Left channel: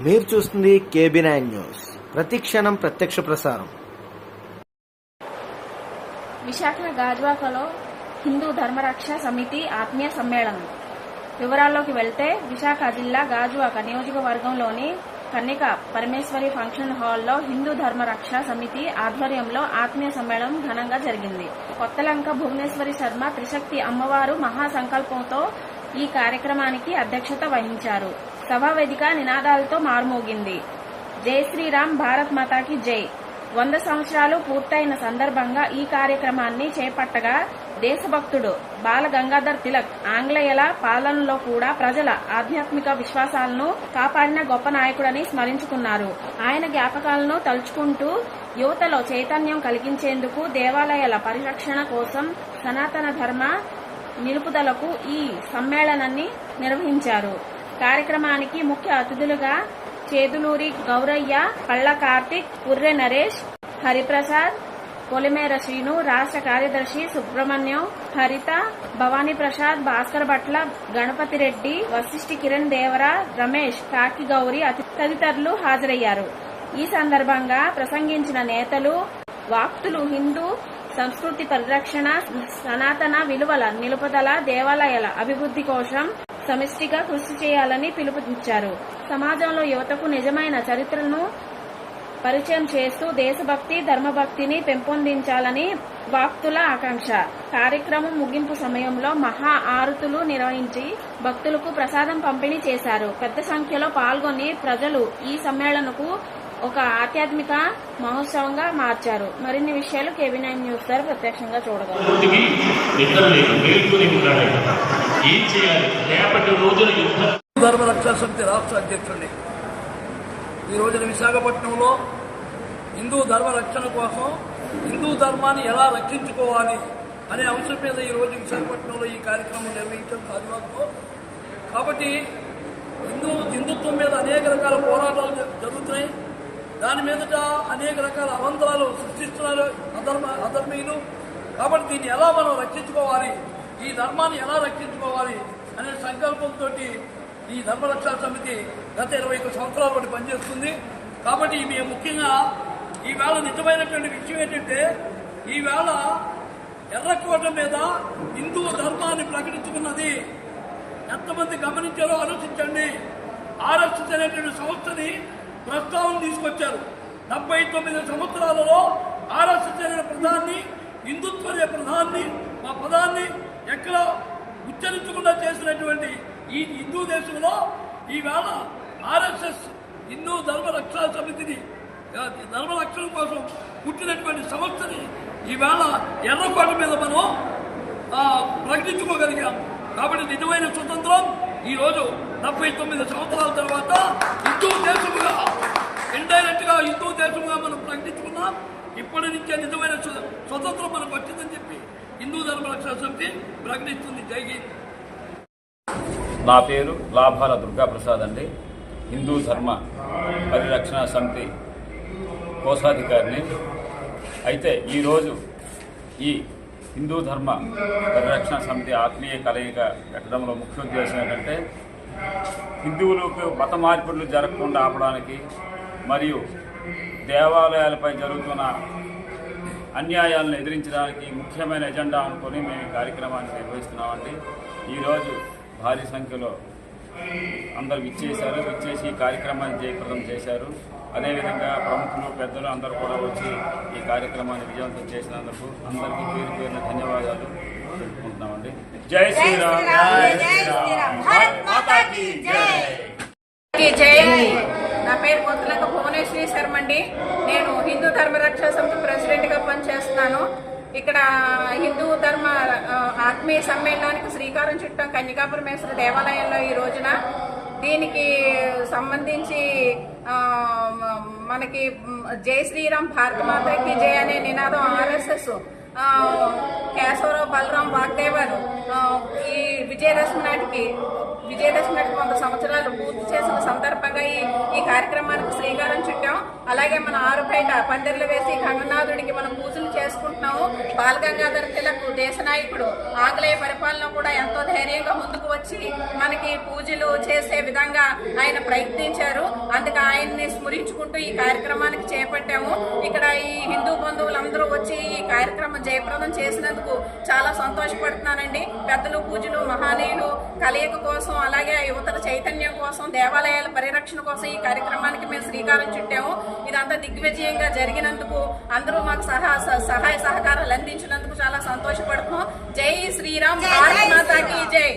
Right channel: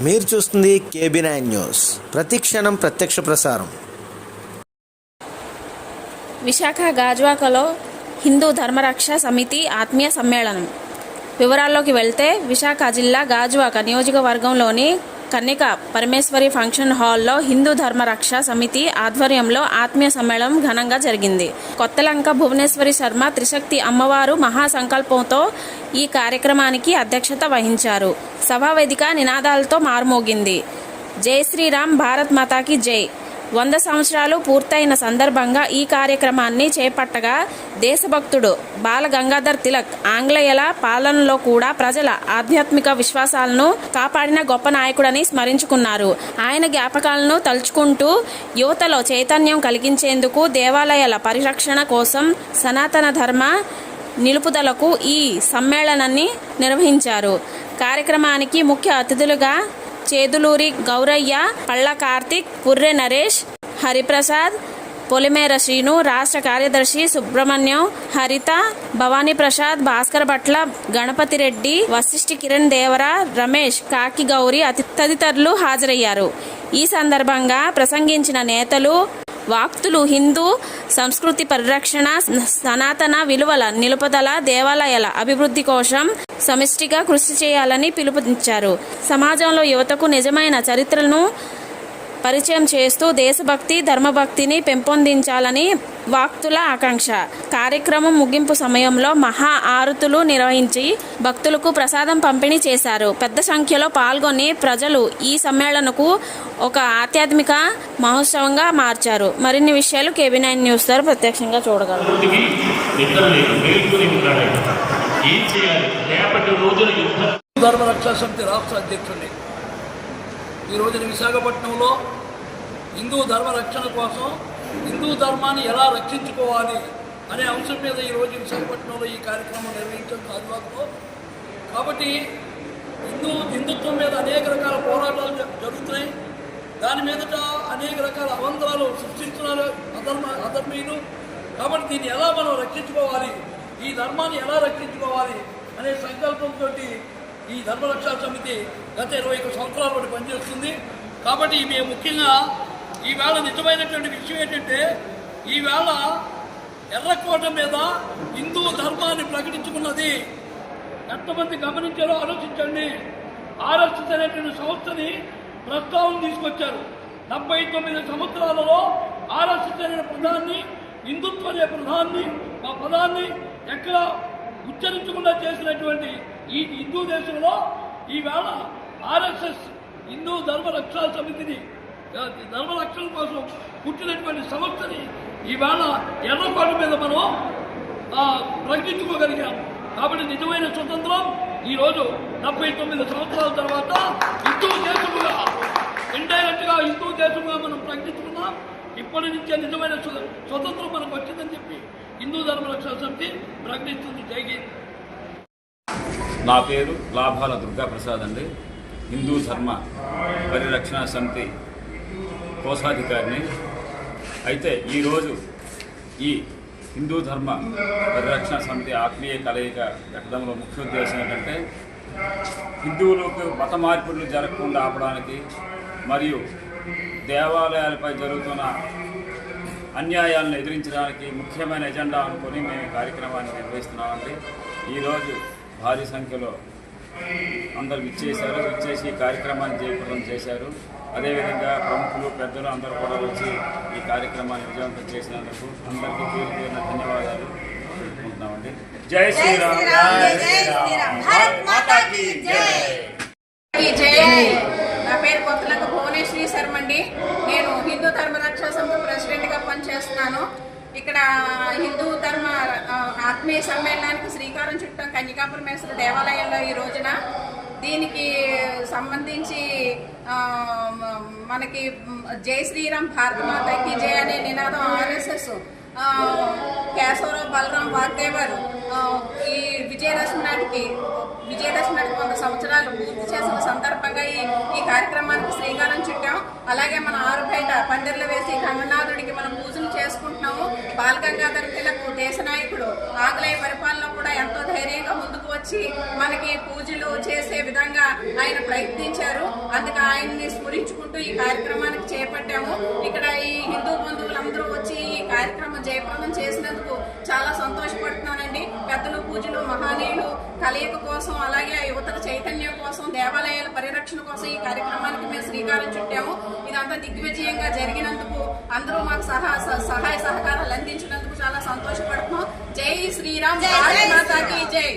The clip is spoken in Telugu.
మీరు చూస్తుంది కేబీ నైన్ న్యూస్. ప్రతిక్షణం ప్రత్యక్ష ప్రసారం. విశాఖ గాజువాకలో హిందూ ధర్మరక్ష సమితి ఆత్మీయ సమ్మేళనం. వివరాల్లోకి వెళ్తే విశాఖ జిల్లా గాజువాక నియోజకవర్గంలోని కన్నిక పరమేశ్వరి ఫంక్షన్ హాల్లో హిందూ ధర్మరక్ష సమితి ఆధ్వర్యంలో ఆత్మీయ సమ్మేళనం ఘనంగా జరిగింది. కొత్తలంక భువనేశ్వరి శర్మ త్రిశక్తి అమ్మవారు మహాసంకల్పంతో ఈ కార్యక్రమానికి అధ్యక్షత వహించారు. సభా వేదిక నినాదాలతో మారుమోగింది. జై శ్రీరామ్ భారత్ మాతాకి జై. వంద సంవత్సరాలు పూర్తయిన సందర్భంగా ఈ కార్యక్రమాన్ని చేపట్టగా దేశభక్తుడు బాల గంగాధర్ తిలక్ ఆంగ్లేయుల పాలనలో కూడా ప్రజల ఆధ్యాత్మిక విశ్వాసాలను కాపాడిన గొప్ప నాయకుడని స్మరించుకున్నారు. ఆయన జ్ఞాపకాలను తలుచుకుంటూ యువతలో చైతన్యం కలిగించేందుకు దేవాలయాల పరిరక్షణ కోసం సనాతన ధర్మ నిలుపుదలకు ఈ సమ్మేళనాన్ని నిర్వహించారు. కార్యక్రమానికి ముఖ్య అతిథులుగా చేదులూరి గౌరయ్య పళ్ళ కార్తిక్ పుర్రె నరేష్ హరిప్రసాద్ పొలిమేర శ్రీను రాష్ట్ర కార్యదర్శి సుబ్రహ్మణ్యం హరిత భవానీ ప్రసాద్ భాస్కర్ భట్ల గణపతి రెడ్డి వశిష్ఠ కిరణ్ దేవర రమేష్ కాకి గౌరి అతి తదితరులు హాజరయ్యారు. ఈ సందర్భంగా ప్రసంగించిన నేతలు వాక్తులు హిందూ సంస్కృతి పరిరక్షణ సనాతన విలువల నిలుపుదల దేవాలయాల అభివృద్ధి కోసం సమిష్టిగా కృషి చేయాలని పిలుపునిచ్చారు. సమాజంలో యువతకు నిజమైన చరిత్రను పరిచయం చేస్తూ దేశభక్తి ధర్మభక్తిని పెంపొందించాలని వాక్తుల ఆకాంక్ష. కార్యక్రమం ముగింపు సమయంలో మహా ఆరుతులు నిర్వహించి భక్తులకు ప్రసాదం పంపిణీ చేశారు. పెద్ద సంఖ్యలో పాల్గొని ప్రజలు ఈ సమ్మేళనకు ఒక ఆధ్యాత్మిక మహోత్సవంగా మార్చారు. మరిన్ని విషయాలు కేబీ నైన్ న్యూస్ ద్వారా ప్రత్యక్షంగా చూడగలరు ధర్మరక్షా సమితి రాష్ట్ర అధ్యక్షుడిని ఈ రోజున విశాఖపట్నంలో హిందూ ధర్మ రక్షణ కోసం హిందూ ధర్మాన్ని ఎలా రక్షించుకోవాలి అనే అంశం మీద ఈరోజు విశాఖపట్నంలో ఈ కార్యక్రమం నిర్వహించడం గాజువాకలో కాబట్టి హిందూ హిందుత్వం మీద అనేక రకాల పోరాటాలు జరుగుతున్నాయి. దాని మీదట అనేక రకాల అవంతరాలు సృష్టిస్తున్నారు అధర్మ అధర్మీయులు. కాబట్టి దీన్ని ఎలా మనం రక్షించుకోవాలి? ఈ ధర్మాన్ని ఎలా రక్షించుకోవాలి? అనే సంకల్పంతో ఈ ధర్మరక్షణ సమితి గత ఇరవై ఒక సంవత్సరాల బట్టి పనిచేస్తుంది. కాబట్టి మేము ముఖ్యంగా ఈవేళ నిజమైనటువంటి విషయం ఏంటంటే ఈవేళ ఎర్రకోట మీద హిందూ ధర్మాన్ని ప్రకటించుకున్నది ఎంతమంది గమనించారో ఆలోచించండి. ఆర్ఎస్ఎస్ అనేటువంటి సంస్థని ప్రస్తావన తీసుకొచ్చారు. డెబ్బై తొమ్మిది సంవత్సరాలలో ఆర్ఎస్ఎస్ అనే ప్రధాన్ని హిందుత్వ అనే ప్రధాన్ని మా పదాన్ని ఎక్కడ ఉచ్చరించకుండా చేసినటువంటి ఈ హిందూ దేశంలో ఈవేళ ఆర్ఎస్ఎస్ హిందూ ధర్మ రక్షా సమితిని ధర్మ రక్షణ కోసం పుట్టినటువంటి సంస్థని ఈవేళ ఎర్రకోట మీద మనం ప్రకటించుకోగలిగాం. కాబట్టి నిజమైన స్వతంత్రం ఈరోజు డెబ్బై తొమ్మిది సంవత్సరాల తర్వాత హిందూ దేశముగా ఇండైరెక్ట్గా హిందూ దేశముగా మనం ప్రకటించుకున్నాం. ఇప్పటి నుంచే నిజమైన స్వతంత్రం మనకు వచ్చిందని చెప్పి హిందూ ధర్మ రక్షణ సమితి ప్రకటిస్తుంది. జై హింద్. నా పేరు లాభాల దుర్గాప్రసాద్ అండి. హిందూ ధర్మ పరిరక్షణ సమితి కోశాధికారిని. అయితే ఈరోజు ఈ హిందూ ధర్మ పరిరక్షణ సమితి ఆత్మీయ కలయిక పెట్టడంలో ముఖ్య ఉద్దేశం ఏంటంటే హిందువులకు మత మార్పులు జరగకుండా ఆపడానికి మరియు దేవాలయాలపై జరుగుతున్న అన్యాయాలను ఎదిరించడానికి ముఖ్యమైన ఎజెండా అనుకొని మేము ఈ కార్యక్రమాన్ని నిర్వహిస్తున్నామండి. ఈరోజు భారీ సంఖ్యలో అందరు విచ్చేశారు. విచ్చేసి ఈ కార్యక్రమాన్ని జయప్రదం చేశారు. అదేవిధంగా ప్రముఖులు పెద్దలు అందరూ కూడా వచ్చి ఈ కార్యక్రమాన్ని విజయవంతం చేసినందుకు అందరికీ పేరు పేరున ధన్యవాదాలు తెలుపుకుంటున్నామండి. జై శ్రీరామ్. భారత్ మాతాకి జై. ఈ జై. నా పేరు కొత్తలంక భువనేశ్వరి శర్మ అండి నేను హిందూ ధర్మ రక్షా సమితి ప్రెసిడెంట్గా పనిచేస్తున్నాను. ఇక్కడ హిందూ ఆత్మీయ సమ్మేళనానికి శ్రీకారం చుట్టాం కన్యకాపురమేశ్వర దేవాలయంలో ఈ రోజున. దీనికి సంబంధించి మనకి జై శ్రీరామ్ భారత జయ అనే నినాదం ఆర్ఎస్ఎస్ కేశవరావు బలరాం వాగ్దేవర్ ఈ విజయదశమి నాటికి విజయదశమి నాటికి వంద సంవత్సరాలు పూర్తి చేసిన సందర్భంగా ఈ ఈ కార్యక్రమానికి శ్రీకారం చుట్టాం. అలాగే మన ఆరు బయట పందిర్లు వేసి కన్ననాథుడికి మనం పూజలు చేసుకుంటున్నాము. బాలగంగాధర తిలక్ దేశ నాయకుడు ఆంగ్లేయ పరిపాలన కూడా ఎంతో ధైర్యంగా ముందుకు వచ్చి మనకి పూజలు చేసే విధంగా ఆయన ప్రయత్నించారు. అందుకే ఆయన్ని స్మరించుకుంటూ ఈ కార్యక్రమానికి చేపట్టాము. ఇక్కడ ఈ హిందూ బంధువులందరూ వచ్చి ఈ కార్యక్రమం జయప్రదం చేసినందుకు చాలా సంతోషపడుతున్నానండి. పెద్దలు పూజలు మహానీయులు కలయిక కోసం అలాగే యువతల చైతన్యం కోసం దేవాలయాల పరిరక్షణ కోసం ఈ కార్యక్రమానికి మేము శ్రీకారం చుట్టాము. ఇదంతా దిగ్విజయంగా జరిగినందుకు అందరూ మాకు సహా సహాయ సహకారాలు అందించినందుకు చాలా సంతోషపడుతున్నాం. జై శ్రీరామ్. భారత్ మాతాకి జై.